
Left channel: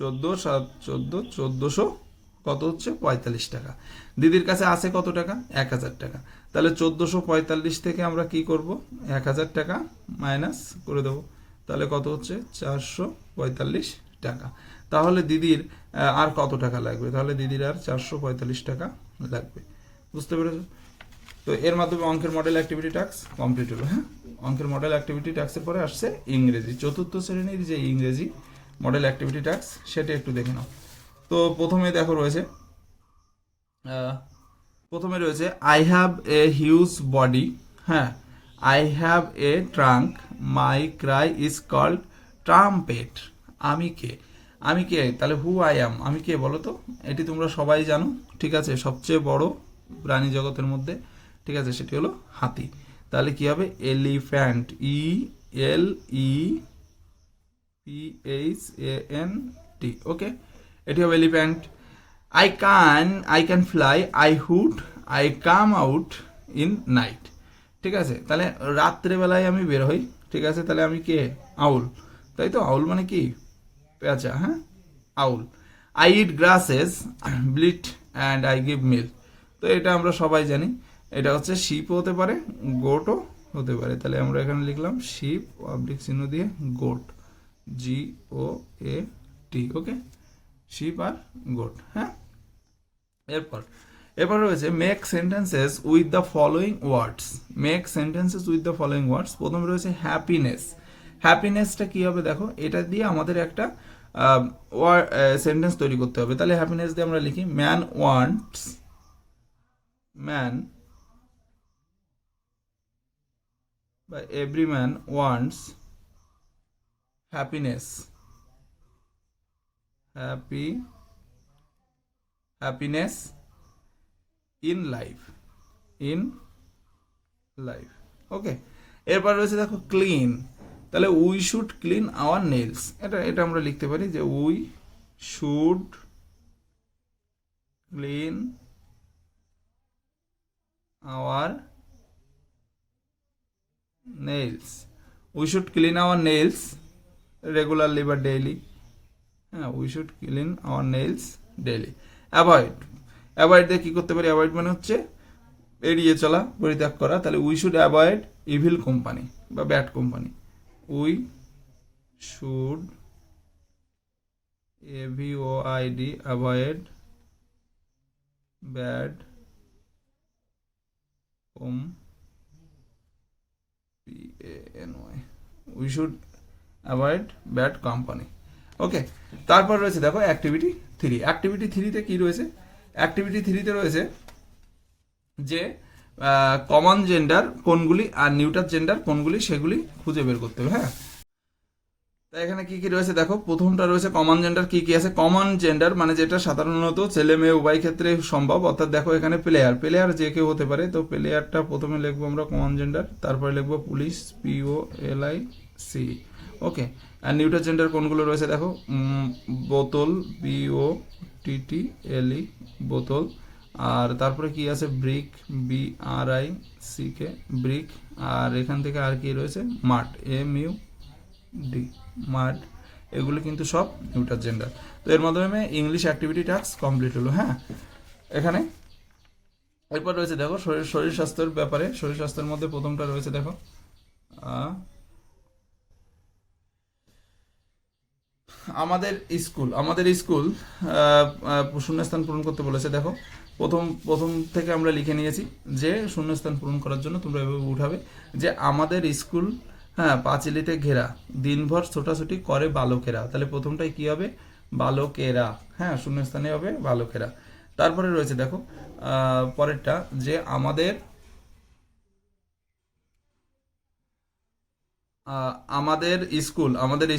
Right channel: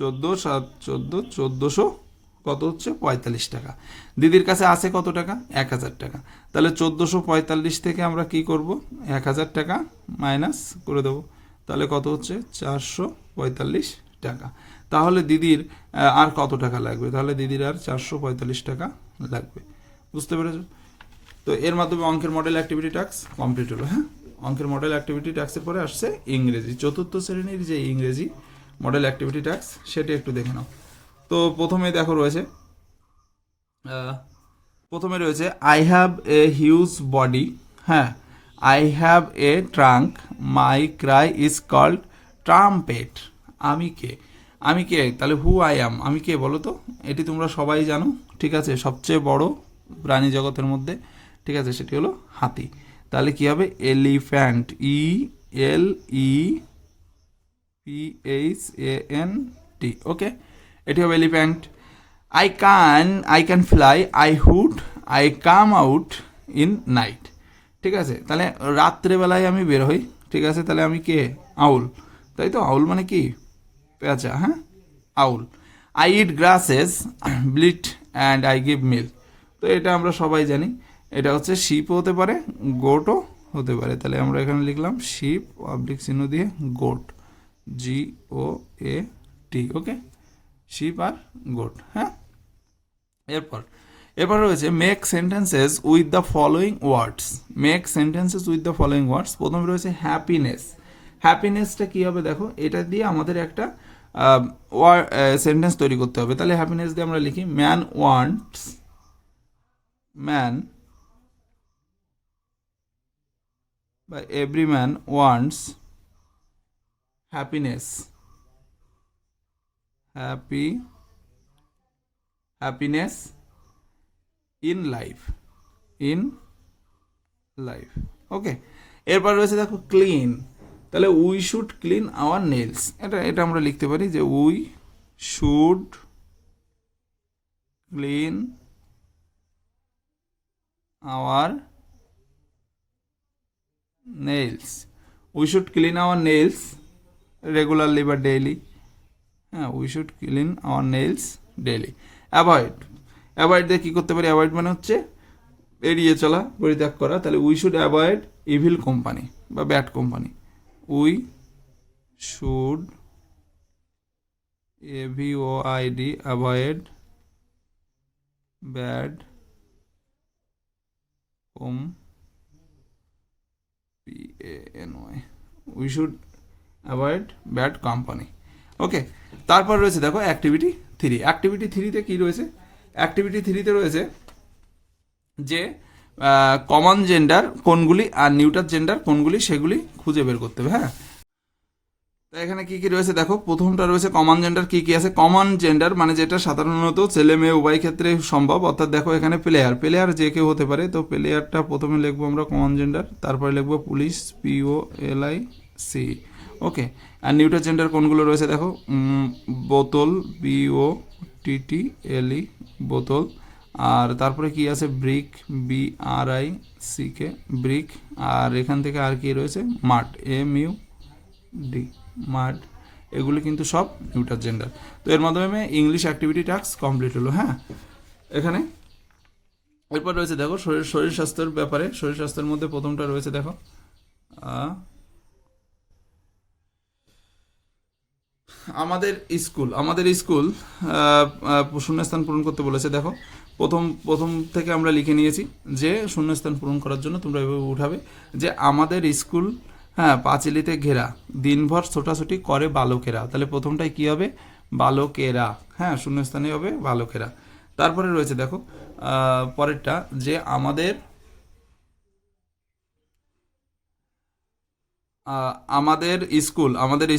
14 7 14 1400 কত হচ্ছে 45 টাকা। দিদির কাছে আছে কত টাকা, 1000 টাকা। তাহলে 1445 থেকে আমরা কি করব, 1000 টাকা মাইনাস করে দেবো, তাহলে কত হচ্ছে 445 টাকা। তাহলে দিদির আর কত টাকা লাগবে, তাহলে দিদির আর 445 টাকা লাগবে। বুঝতে পেরেছো? তো এর মাধ্যমে অঙ্কের মডেল অ্যাক্টিভিটি টাস্ক কমপ্লিট হলো। হ্যাঁ, অঙ্কের মডেল অ্যাক্টিভিটি টাস্কের পরে আসছে ইংরেজি, চতুর্থ শ্রেণীর যে ইংরেজি মডেল অ্যাক্টিভিটি টাস্ক সেটা একটু দেখে নাও। তো প্রথমে রয়েছে I have a huge body. হ্যাঁ, I have a trunk, my cry is called trumpet. আমি কে, আমি কে, তাহলে হু আই অ্যাম, আমি কে বলো তো? এটি তোমরা সবাই জানো। ঠিক আছে, সবচেয়ে বড় প্রাণী জগতের মধ্যে, ঠিক আছে, সেটি হলো হাতি। তাহলে কি হবে, এলিফ্যান্ট, ELEPHANT। ওকে, এটি হবে elephant. I can fly, I hood, I come out in night. ঠিক আছে, তাহলে রাত্রেবেলায় আমি বের হই। ঠিক আছে, তাহলে আমি কে, আউল, তাই তো? আউল মানে কি, পেঁচা। হ্যাঁ, owl. I eat grasses, bleat and I give milk. তো এটা আমরা সবাই জানি, এটা হচ্ছে শিপও হতে পারে, গোটও হতে পারে। তাহলে আমরা এখানে লিখলাম শিপ অবলিক চিহ্ন দিয়ে গোট, GOAT। ওকে, শিপ আর গোট। হ্যাঁ, এরপর রয়েছে make sentences with the following words. Make sentences with the following words. প্রথমে রয়েছে হ্যাপিনেস। হ্যাপিনেসটা কি হবে দেখো, এটা দিয়ে আমাদের একটা সেন্টেন্স তৈরি করতে হবে। তাহলে হ্যাপিনেস দিয়ে আমরা লিখি ম্যান বা every man wants happiness, happiness in life, okay. এরপর রয়েছে দেখো ক্লিন। তাহলে we should clean our nails, এটা আমরা লিখতে পারি যে we should clean our nails, we should clean our nails regularly বা ডেইলি। হ্যাঁ, we should clean our nails daily. Avoid দিয়ে কী করতে পারি, অ্যাভয়েড মানে হচ্ছে এড়িয়ে চলা, পরিত্যাগ করা। তাহলে we should avoid evil company বা bad company, we should AVOID avoid bad PANY, we should avoid bad company. Okay, তারপর রয়েছে দেখো অ্যাক্টিভিটি 3। অ্যাক্টিভিটি 3-তে কী রয়েছে, অ্যাক্টিভিটি 3-তে রয়েছে যে কমন জেন্ডার কোনগুলি আর নিউট্রাল জেন্ডার কোনগুলি সেগুলি খুঁজে বের করতে হবে। হ্যাঁ, তো এখানে কি কি রয়েছে দেখো, প্রথমটা রয়েছে কমন জেন্ডার। কি কি আছে কমন জেন্ডার, মানে যেটা সাধারণত ছেলে মেয়ে উভয় ক্ষেত্রে সম্ভব। অর্থাৎ দেখো এখানে প্লেয়ার যে কেউ হতে পারে, তো প্লেয়ারটা প্রথমে লিখবো আমরা কমন জেন্ডার, তারপরে লিখবো পুলিশ, POLIC। ওকে, আর নিউট্রাল জেন্ডার কোনগুলো রয়েছে দেখো, বোতল, BOTTLE, বোতল। আর তারপরে কি আছে, ব্রিক, BRICK, ব্রিক। আর এখান থেকে আর কি রয়েছে, মাড, MUD, মাড। এগুলি কিন্তু সব নিউটার জেন্ডার। তো এর মাধ্যমে ইংলিশ অ্যাক্টিভিটি টাস্ক কমপ্লিট হলো। হ্যাঁ, এখানে এরপর রয়েছে দেখো শরীর স্বাস্থ্যের ব্যাপারে। শরীর স্বাস্থ্যের মধ্যে প্রথমটা রয়েছে দেখো আমাদের স্কুল শূন্যস্থান পূরণ করতে বলেছে। দেখো প্রথম থেকে আমরা লিখে নিয়েছি যে শূন্যস্থান পূরণ করার জন্য তোমরা এভাবে উঠাবে যে আমাদের স্কুল, হ্যাঁ, পাঁচিলিতে ঘেরা, দিনভর ছোটাছুটি করে বালকেরা। তাহলে প্রথমটাই কি হবে? বালকেরা। হ্যাঁ, শূন্যস্থানে হবে বালকেরা। তারপরে রয়েছে দেখো পরেরটা যে আমাদের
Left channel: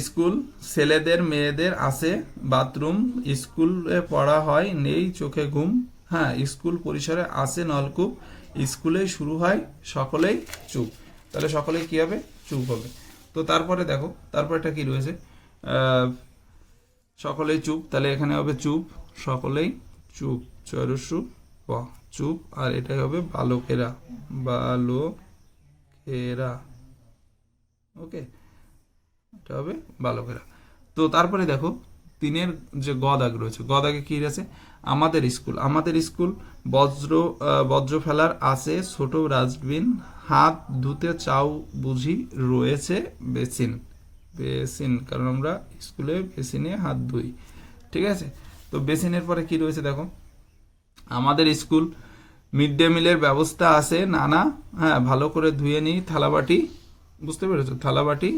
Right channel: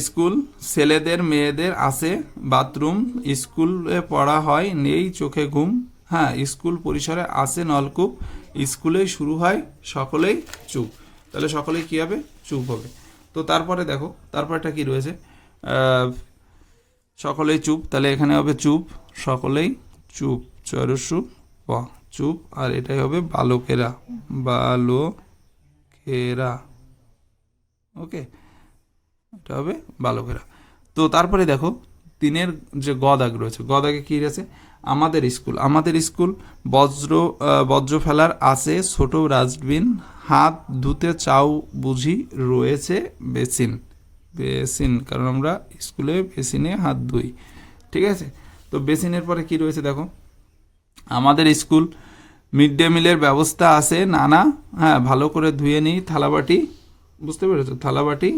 স্কুল ছেলেদের মেয়েদের আছে বাথরুম, স্কুলে পড়া হয় নেই চোখে ঘুম, হ্যাঁ, স্কুল পরিসরে আছে নলকূপ, স্কুলেই শুরু হয় সকলেই চুপ। তাহলে সকলেই কি হবে? চুপ হবে। তো তারপরে দেখো তারপরটা কি রয়েছে? সকলেই চুপ, তাহলে এখানে হবে চুপ, সকলেই চুপ, চরসু প, চুপ। আর এটাই হবে বালকেরা, বালকেরা। ওকে, এটা হবে বালকেরা। তো তারপরে দেখো তিনের যে গ দাগ রয়েছে, গ দাগে কি আছে? আমাদের স্কুল বজ্র ফেলার আছে ছোট ডাস্টবিন, হাত ধুতে চাও বুঝি রয়েছে বেসিন, কারণ আমরা স্কুলে বেসিনে হাত ধুই। ঠিক আছে, তো বেসিনের পরে কি রয়েছে দেখো আমাদের স্কুল মিড ডে মিলের ব্যবস্থা আছে নানা, হ্যাঁ, ভালো করে ধুয়ে নিই থালাবাটি, বুঝতে পেরেছো? থালাবাটি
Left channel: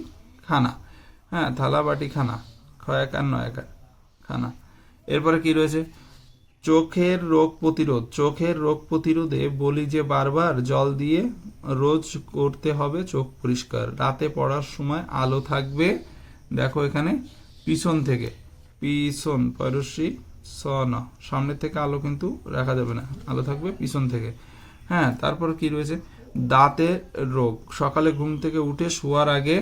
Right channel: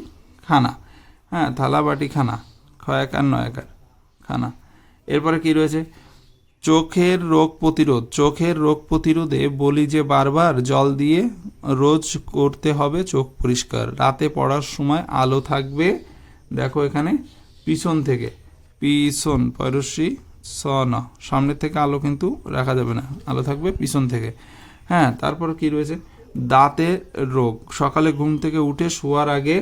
খানা, হ্যাঁ, থালাবাটি খানা, খয়াকার নয়াকার খানা। এরপরে কি রয়েছে? চোখের রোগ প্রতিরোধে বলি যে বারবার জল দিয়ে রোজ করতে হবে চোখ পরিষ্কার, রাতে পড়ার সময় আলো থাকবে, দেখো এখানে পিছন থেকে, পিছন পরশি সন, সামনের থেকে আলো কিন্তু রাখা যাবে না, আলো থাকবে পিছন থেকে। হ্যাঁ, তারপর কি রয়েছে? দাঁতের রোগ, সকালে ঘুম থেকে উঠে শোয়ার আগে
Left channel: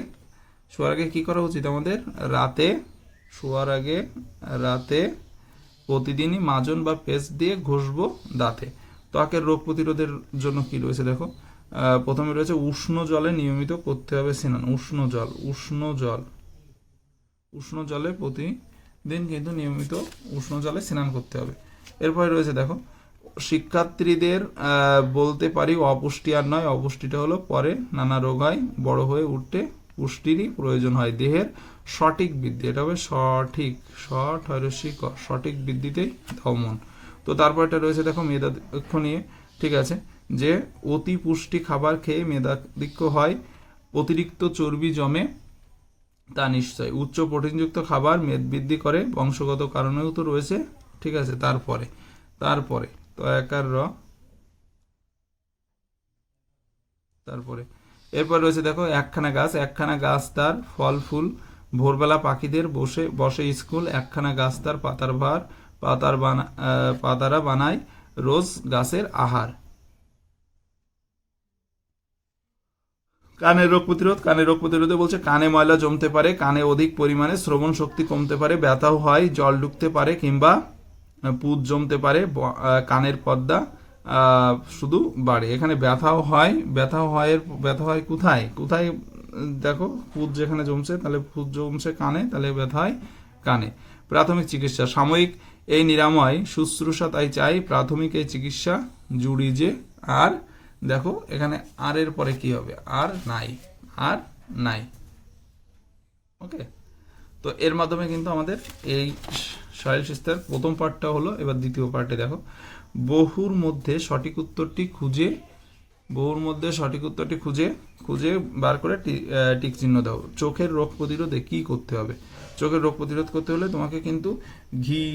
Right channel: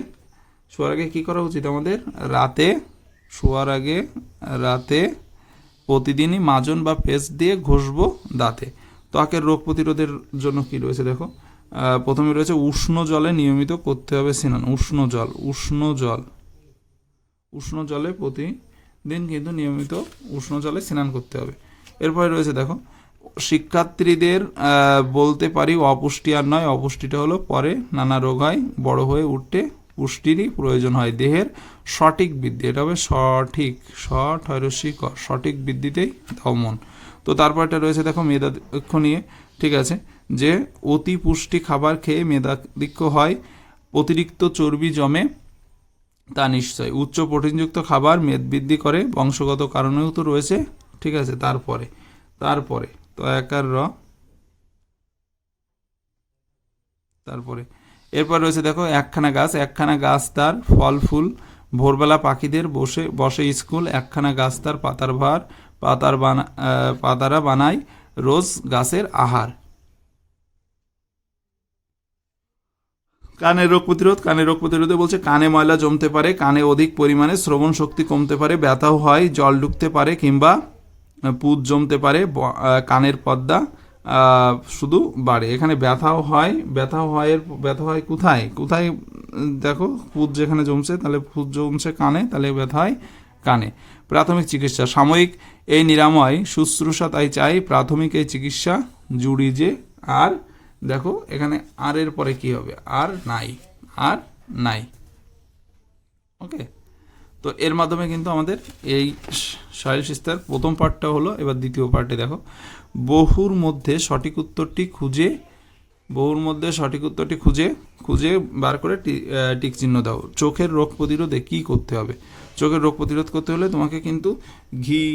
কি করা উচিত আমাদের? রাতে প্রতিদিনই মাজন বা পেস্ট দিয়ে ঘষবো দাঁতে। ত্বকের রোগ প্রতিরোধের জন্য কি রয়েছে দেখো প্রথমে রয়েছে উষ্ণ জলে নিয়মিত করতে হবে স্নান। উষ্ণ জলে প্রতিদিন কিন্তু নিয়মিত উষ্ণ জলে স্নান করতে হবে। এরপরে রয়েছে দেখো শিক্ষার্থীদের বলতে পারি অপুষ্টি আর নয়, অপুষ্টিটা হলো পরে নানা রোগ হয়, বড় হয়ে উঠতে পুষ্টিরই প্রয়োজন হয়, দেহের সঠিক বৃদ্ধি, এটা হবে সঠিক বৃদ্ধিতেই দমন। তো তারপর এটা রয়েছে দেখো মেধাধিক্য নিয়ে। ঠিক আছে, যে অতি পুষ্টি খাবার খেয়ে মেধাধিক্য হয়, অতিরিক্ত চর্বি জমে তা নিশ্চয়, উচ্চ প্রোটিনযুক্ত খাবার মেদ বৃদ্ধি করে, বংশগত কারণেও তো রয়েছে। ঠিক আছে, তারপরে তো একার র, তারপরে এরপর রয়েছে দেখো একখানা গাছ তার ফল ফুল, ভোরবেলা পাখিদের বসে স্কুল, একখানা গাছ তার পাতারা বানায় রোজ গাছের আহার। কানের রোগ প্রতিরোধে বলছে কানে ময়লা জমতে পারে, কানে অধিক পরিমাণে শ্রবণ শক্তি কমতে পারে, ব্যথাও হয়, জল ঢুকতে পারে কিংবা পুঁজ জমতে পারে, কানের পর্দা শুধু বাড়ে। এখানে ব্যথাও হয় কোথায় দেখো পুঁজ যেখানে জমছে, তাহলে পুঁজ জমছে কানে, তাহলে ব্যথা হয় কানে। প্রাথমিক চিকিৎসা, সাময়িক এই নিরাময় শুশ্রূষা তাই চাই, প্রাথমিক এই চিকিৎসা জুড়ি যে। আর দেখো এখানে আর এর পরে কি হবে? আর নাই। ওকে, তো এর মাধ্যমে কিন্তু আমাদের এই শারীরিক শিক্ষার প্রথম পার্টটা হলো। এবার দ্বিতীয় পার্টে দেখো বহুর মধ্যে সঠিক উত্তরটি খুঁজে বার করে টিক চিহ্ন দাও। চোখের রোগ প্রতিরোধে কি করতে হবে? চোখের রোগ প্রতিরোধ করতে হলে তোমাকে কিন্তু ঘি,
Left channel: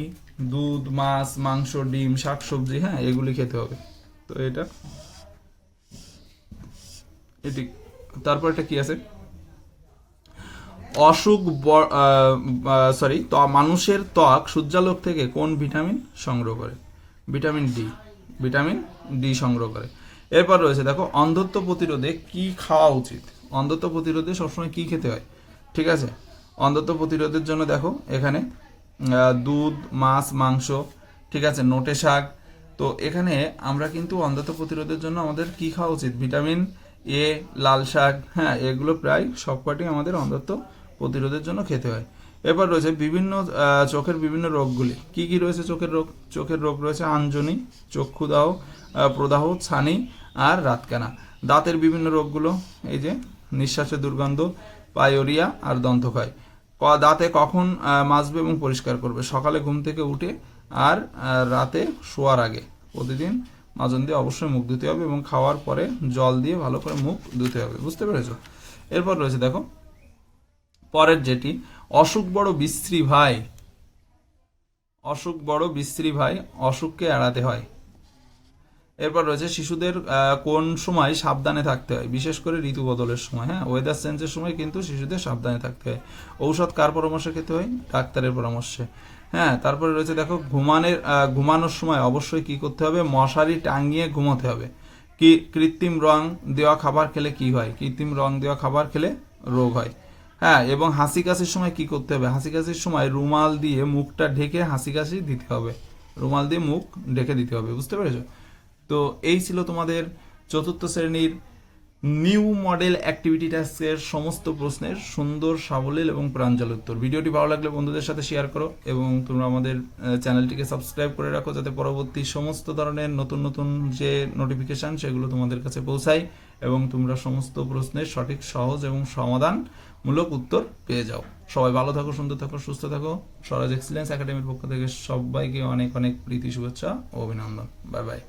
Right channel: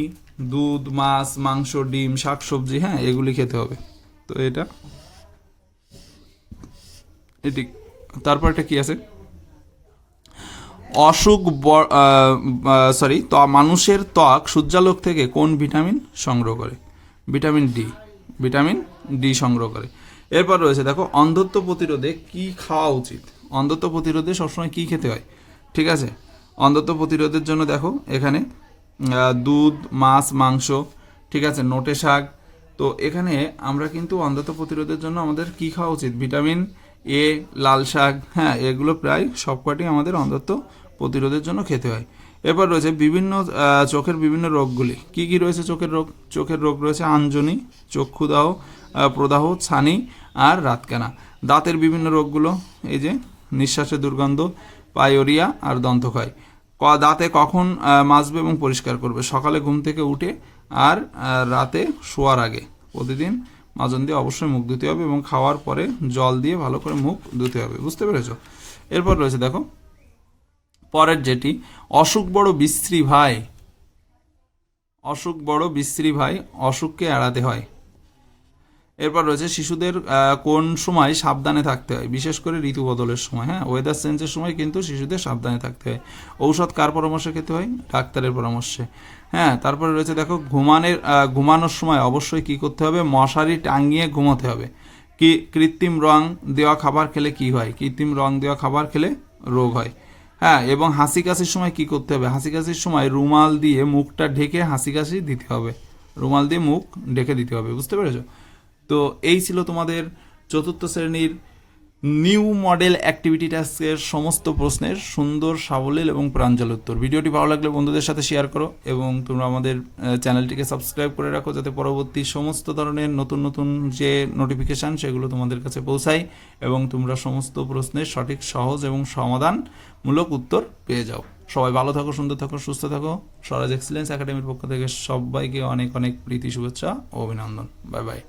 দুধ, মাছ, মাংস, ডিম, শাকসবজি, হ্যাঁ, এগুলি খেতে হবে। তো এটা এদিক। তারপর এটা কি আছে? মানুষের ত্বক সূর্যালোক থেকে কোন ভিটামিন সংগ্রহ করে? ভিটামিন ডি সংগ্রহ করে। এরপর রয়েছে দেখো অন্ধত্ব প্রতিরোধে কি খাওয়া উচিত? অন্ধত্ব প্রতিরোধে সবসময় কি খেতে হয়? ঠিক আছে, অন্ধত্ব প্রতিরোধের জন্য দেখো এখানে দুধ, মাছ, মাংস, ঠিক আছে, নোটে শাক। তো এখানে আমরা কিন্তু অন্ধত্ব প্রতিরোধের জন্য আমাদের কি খাওয়া উচিত? ভিটামিন এ, লাল শাক, হ্যাঁ, এগুলো প্রায় সবকটি আমাদের অন্ধত্ব প্রতিরোধের জন্য খেতে হয়। এরপর রয়েছে বিভিন্ন চোখের বিভিন্ন রোগগুলি। কি কি রয়েছে চোখের রোগ? চোখের রোগ রয়েছে আঞ্জনি, চক্ষুদাহ, প্রদাহ, ছানি আর রাতকানা। দাঁতের বিভিন্ন রোগগুলো এই যে নিঃশ্বাসের দুর্গন্ধ, পায়োরিয়া আর দন্তক্ষয়। দাঁতে কখন মাজবে এবং পরিষ্কার করবে? সকালে ঘুম থেকে উঠে আর রাতে শোয়ার আগে। প্রতিদিন মাজন দিয়ে অবশ্যই মুখ ধুতে হবে এবং খাওয়ার পরে জল দিয়ে ভালো করে মুখ ধুতে হবে। বুঝতে পেরেছো? এরপর রয়েছে দেখো পরের যেটি, অসুখ বড় বিশ্রী ভাই, অসুখ বড় বিশ্রী ভাই, অসুখকে এড়াতে হয়। এরপর রয়েছে শিশুদের কোন সময় সাবধানে থাকতে হয়? বিশেষ করে ঋতু বদলের সময়। হ্যাঁ, ওয়েদার চেঞ্জের সময় কিন্তু শিশুদের সাবধানে থাকতে হয়। ঔষধ কার পরামর্শে খেতে হয়? ডাক্তারের পরামর্শে। হ্যাঁ, তারপরে রয়েছে দেখো ঘুমানোর সময় অবশ্যই কি করতে হবে? মশারি টাঙিয়ে ঘুমাতে হবে। কি কৃত্রিম রং দেওয়া খাবার খেলে কি হয়? কৃত্রিম রং দেওয়া খাবার খেলে রোগ হয়। হ্যাঁ, এবং হাসি কাশির সময় কি করতে হবে? হাসি কাশির সময় রুমাল দিয়ে মুখটা ঢেকে হাসি কাশি দিতে হবে। রুমাল দিয়ে মুখ ঢেকে দিতে হবে। বুঝতে পেরেছো? তো এই ছিল তোমাদের চতুর্থ শ্রেণীর নিউ মডেল অ্যাক্টিভিটি টাস্কের সমস্ত প্রশ্নের সুন্দর, সাবলীল এবং প্রাঞ্জল উত্তর। ভিডিওটি ভালো লাগলে বন্ধুদের সাথে শেয়ার করো এবং তোমরা আমাদের চ্যানেলটিকে সাবস্ক্রাইব করে রাখো, যাতে পরবর্তী সমস্ত ধরনের নতুন নতুন যে নোটিফিকেশান সেগুলো তোমাদের কাছে পৌঁছায় এবং তোমরা সমস্ত প্রশ্নের সঠিক, সহজ এবং সমাধানমূলক উত্তর পেয়ে যাও। সবাই ভালো থাকো, সুন্দর থাকো, সুস্থ থাকো। স্বরাজ এক্সিলেন্স একাডেমির পক্ষ থেকে সবাইকে অনেক অনেক প্রীতি, শুভেচ্ছা ও অভিনন্দন। Bye bye.